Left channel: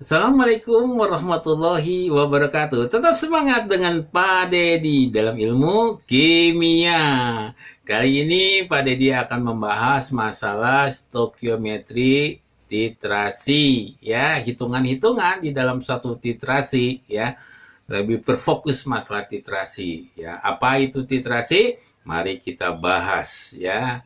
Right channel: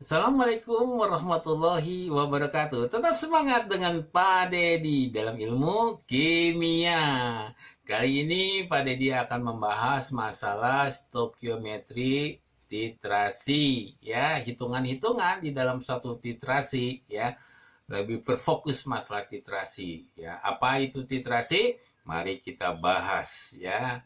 Assalamualaikum warahmatullahi wabarakatuh. Tetap semangat dengan Pak Dedi dalam ilmu kimia. Kali ini Pak Dedi akan membahas masalah stokiometri titrasi, ya, hitungan-hitungan di dalam suatu titrasi, ya. Lebih berfokus masalah titrasi, ya. Apa itu titrasi? Mari kita bahas, ya.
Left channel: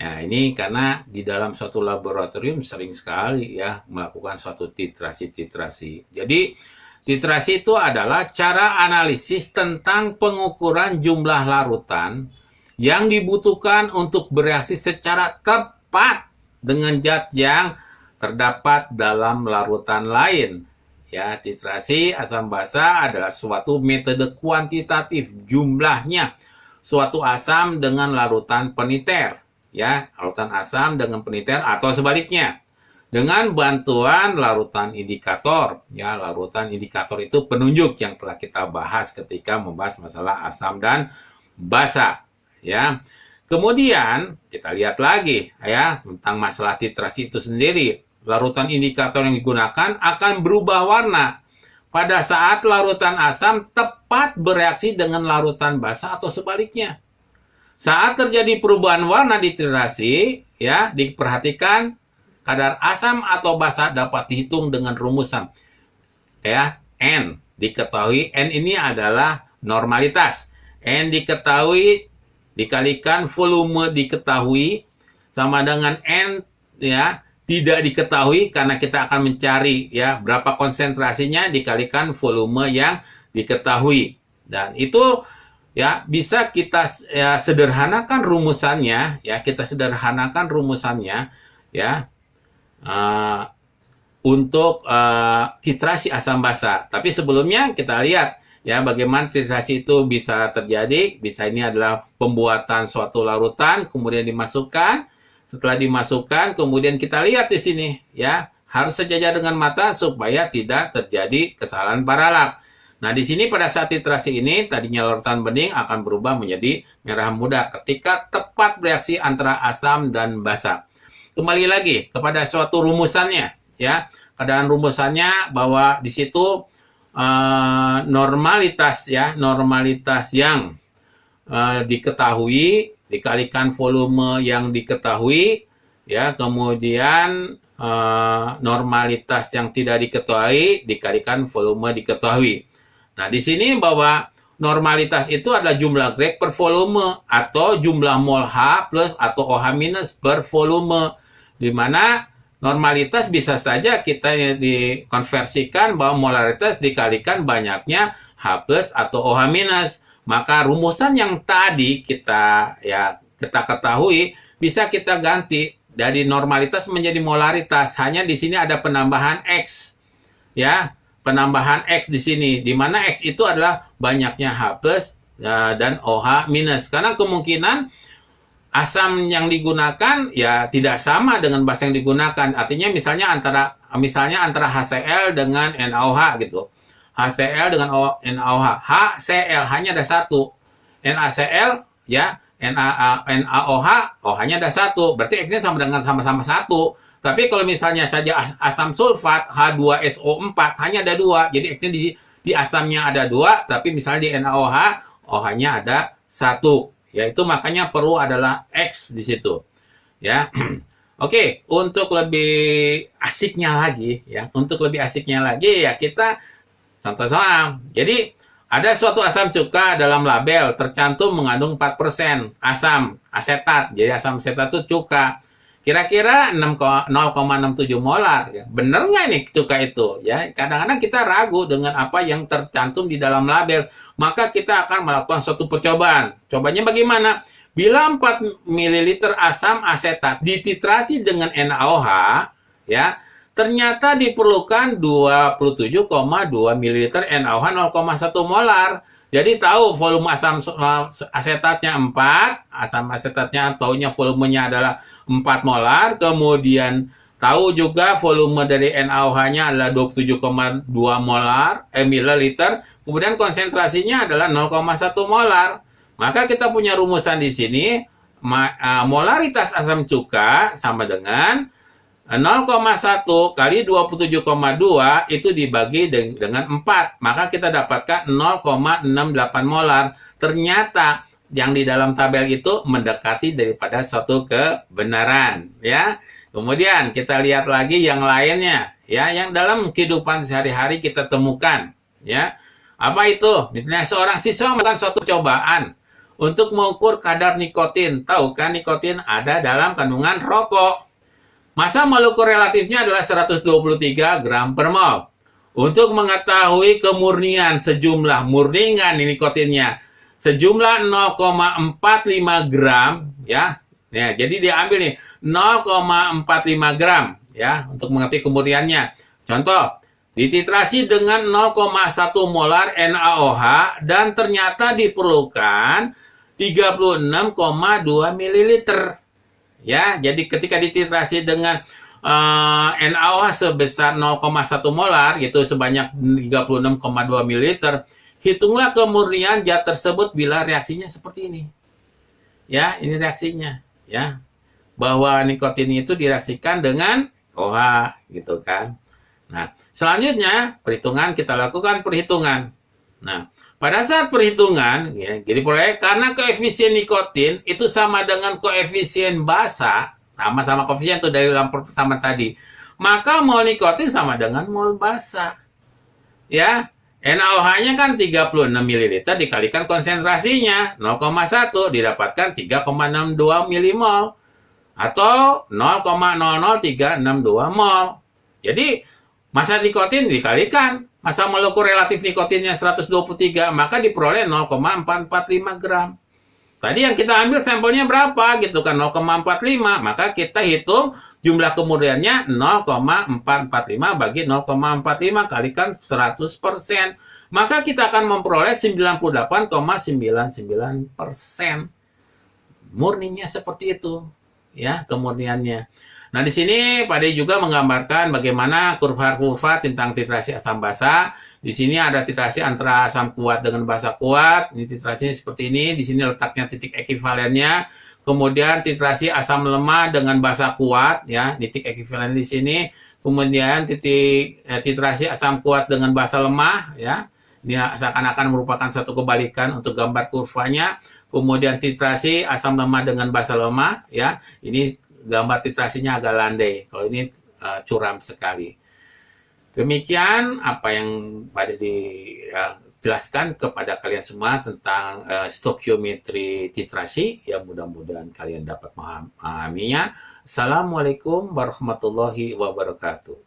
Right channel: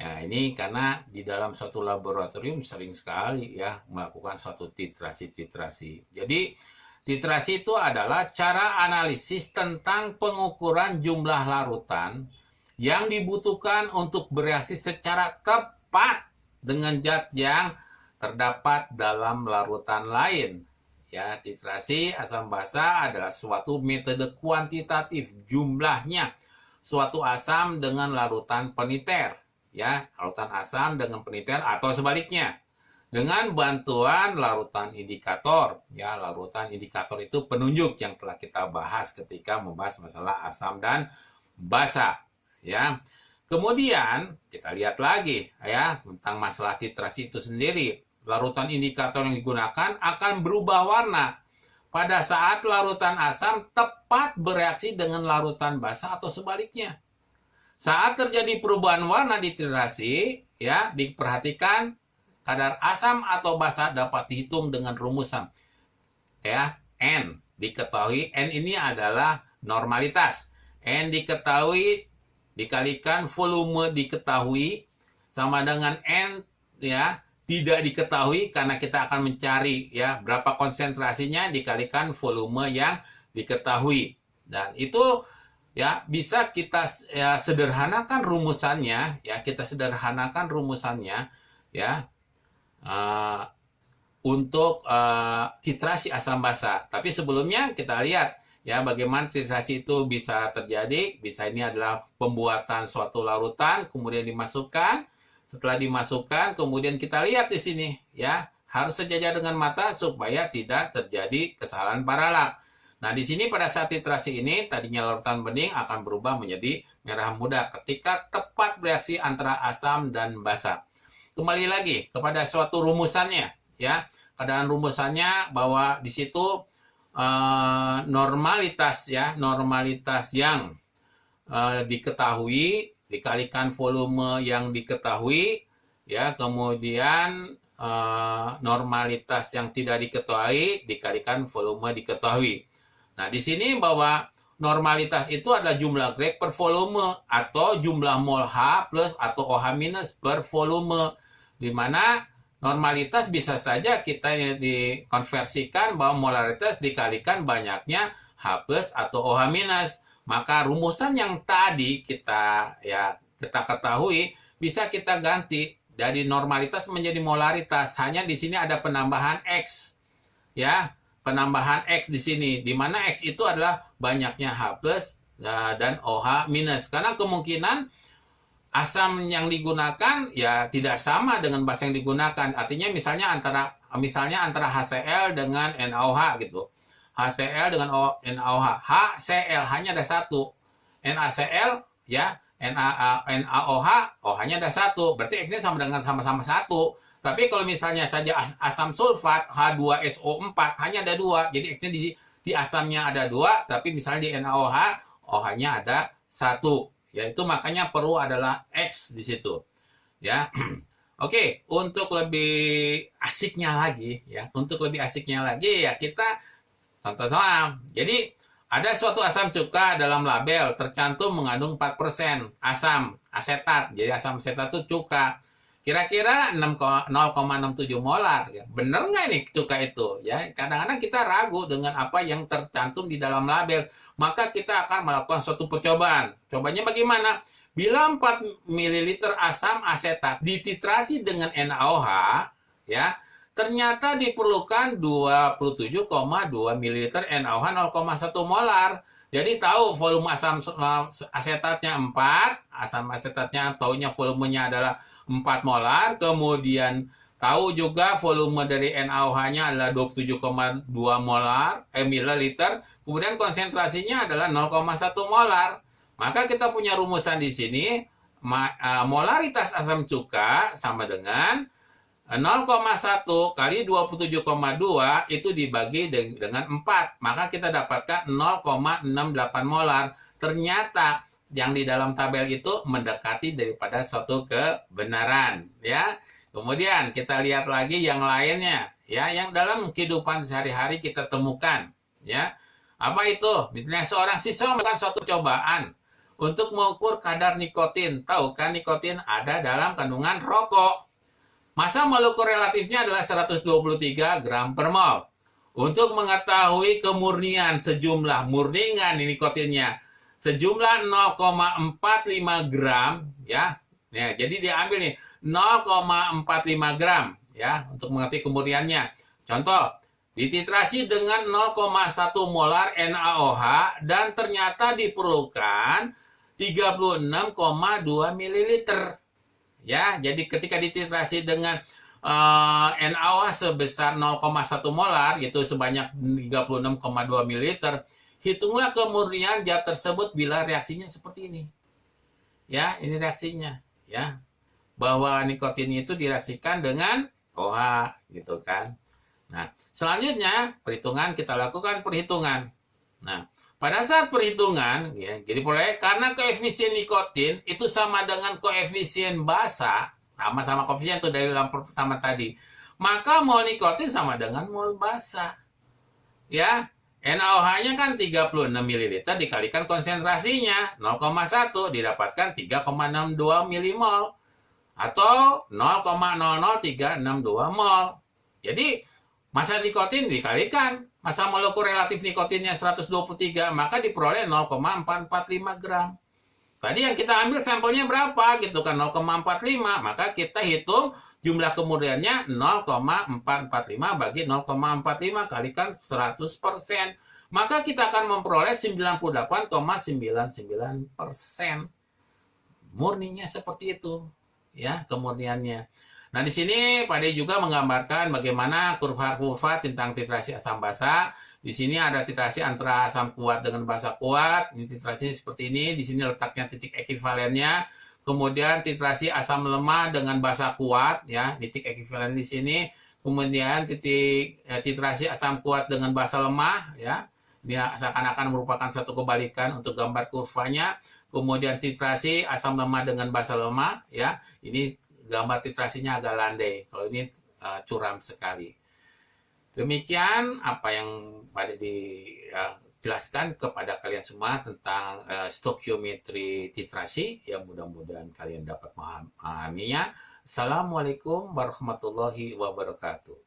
Nah, ini karena di dalam suatu laboratorium sering sekali ya melakukan suatu titrasi-titrasi. Jadi, titrasi itu adalah cara analisis tentang pengukuran jumlah larutan yang dibutuhkan untuk bereaksi secara tepat dengan zat yang terdapat dalam larutan lain. Ya, titrasi asam basa adalah suatu metode kuantitatif jumlahnya suatu asam dengan larutan peniter, ya, larutan asam dengan peniter atau sebaliknya dengan bantuan larutan indikator, ya. Larutan indikator itu penunjuk yang telah kita bahas ketika membahas masalah asam dan basa, ya. Kemudian kita lihat lagi ya tentang masalah titrasi itu sendiri. Larutan indikator yang digunakan akan berubah warna pada saat larutan asam tepat bereaksi dengan larutan basa atau sebaliknya. Saat terjadi perubahan warna di titrasi, ya, diperhatikan kadar asam atau basa dapat dihitung dengan rumusan, ya, N. Diketahui N ini adalah normalitas. N diketahui dikalikan volume diketahui sama dengan N, ya, tidak diketahui karena kita akan mencari ya berapa konsentrasinya dikalikan volume yang diketahui. Dan itu ya bisa kita ya sederhanakan rumusannya, ya kita sederhanakan rumusannya ya untuk titrasi asam basa. Tapi sebelumnya kita lihat ya bagaimana titrasi itu bisa terjadi. Bisa ini adalah pembuatan suatu larutan kemudian dimasukkan. Setelah dimasukkan, kemudian kita lihat di sini, ya, harus sejajar dengan mata supaya tidak terjadi kesalahan paralak. Nah, di sini pada saat titrasi ini, tadinya larutan bening akan berubah menjadi merah muda ketika tepat bereaksi antara asam dan basa. Kembali lagi kepada suatu rumusannya, ya. Keadaan rumusannya bahwa di situ normalitas, ya, normalitas yang diketahui dikalikan volume yang diketahui, ya, kemudian normalitas yang tidak diketahui dikalikan volume diketahui. Nah, di sini bahwa normalitas itu adalah jumlah Greg per volume atau jumlah mol H plus atau OH minus per volume, di mana normalitas bisa saja kita dikonversikan bahwa molaritas dikalikan banyaknya H plus atau OH minus. Maka rumusan yang tadi kita ketahui bisa kita ganti dari normalitas menjadi molaritas. Hanya di sini ada penambahan X, ya, penambahan X di sini, di mana X itu adalah banyaknya H plus dan OH minus. Karena kemungkinan asam yang digunakan ya tidak sama dengan basa yang digunakan. Artinya misalnya antara HCl dengan NaOH gitu. HCl dengan NaOH. HCl hanya ada satu. NaCl ya, NaOH, OH-nya ada satu. Berarti X-nya sama-sama satu. Tapi kalau misalnya saja asam sulfat H2SO4 hanya ada dua. Jadi X-nya di asamnya ada dua, tapi misalnya di NaOH, OH-nya ada satu. Ya, itu makanya perlu adalah X di situ. Ya. Oke, untuk lebih asiknya lagi ya, ya kita contoh soal. Jadi, ada suatu asam cuka dalam label tercantum mengandung 4% asam asetat. Jadi asam asetat itu cuka. Kira-kira 0,67 molar. Ya. Benar nggak nih cuka itu? Ya, kadang-kadang kita ragu dengan apa yang tercantum di dalam label. Maka kita akan melakukan suatu percobaan. Cobanya bagaimana? Bila 4 ml asam asetat dititrasi dengan NaOH, ya, ternyata diperlukan 27,2 ml NaOH 0,1 molar. Jadi tahu volume asam asetatnya 4, asam asetatnya taunya volumenya adalah 4 molar, kemudian tahu juga volume dari NaOH-nya adalah 27,2 molar mililiter, kemudian konsentrasinya adalah 0,1 molar. Maka kita punya rumusan di sini, molaritas asam cuka sama dengan 0,1 kali 27,2 itu dibagi dengan 4. Maka kita dapatkan 0,68 molar. Ternyata yang di dalam tabel itu mendekati daripada suatu kebenaran. Ya. Kemudian kita lihat lagi yang lainnya. Ya, yang dalam kehidupan sehari-hari kita temukan. Ya. Apa itu? Misalnya seorang siswa melakukan suatu cobaan untuk mengukur kadar nikotin. Tahu kan nikotin ada dalam kandungan rokok. Massa molekul relatifnya adalah 123 gram per mol. Untuk mengetahui kemurnian sejumlah murningan nikotinnya sejumlah 0,45 gram ya. Ya, jadi diambil nih 0,45 gram ya untuk mengerti kemurniannya. Contoh, dititrasi dengan 0,1 molar NaOH dan ternyata diperlukan 36,2 ml. Ya, jadi ketika dititrasi dengan NaOH sebesar 0,1 molar, yaitu sebanyak 36,2 ml, hitunglah kemurnian zat tersebut bila reaksinya seperti ini. Ya, ini reaksinya. Ya, bahwa nikotin itu direaksikan dengan OH, gitu kan. Nah, selanjutnya perhitungan kita lakukan perhitungan. Nah, pada saat perhitungan, ya, jadi karena koefisien nikotin itu sama dengan koefisien basa, sama-sama koefisien itu dari dalam persamaan tadi, maka mol nikotin sama dengan mol basa. Ya, NaOH-nya kan 36 ml dikalikan konsentrasinya 0,1 didapatkan 3,62 milimol atau 0,00362 mol. Jadi massa nikotin dikalikan massa molekul relatif nikotinnya 123, maka diperoleh 0,445 gram. Tadi yang kita ambil sampelnya berapa gitu kan, 0,45, maka kita hitung jumlah kemurniannya 0,445 bagi 0,45 kalikan 100%. Maka kita akan memperoleh 98,99%. Murninya seperti itu. Ya, kemurniannya. Nah, di sini Pak De juga menggambarkan bagaimana kurva-kurva tentang titrasi asam basa. Di sini ada titrasi antara asam kuat dengan basa kuat. Ini titrasinya seperti ini. Di sini letaknya titik ekivalennya. Kemudian titrasi asam lemah dengan basa kuat, ya, titik ekivalen di sini. Kemudian titrasi asam kuat dengan basa lemah, ya. Ini seakan-akan merupakan suatu kebalikan untuk gambar kurvanya. Kemudian titrasi asam lemah dengan basa lemah, ya. Ini gambar titrasinya agak landai. Kalau ini curam sekali. Demikian apa yang pada dijelaskan kepada kalian semua tentang stokiometri titrasi. Ya, mudah-mudahan kalian dapat memahaminya. Assalamualaikum warahmatullahi wabarakatuh.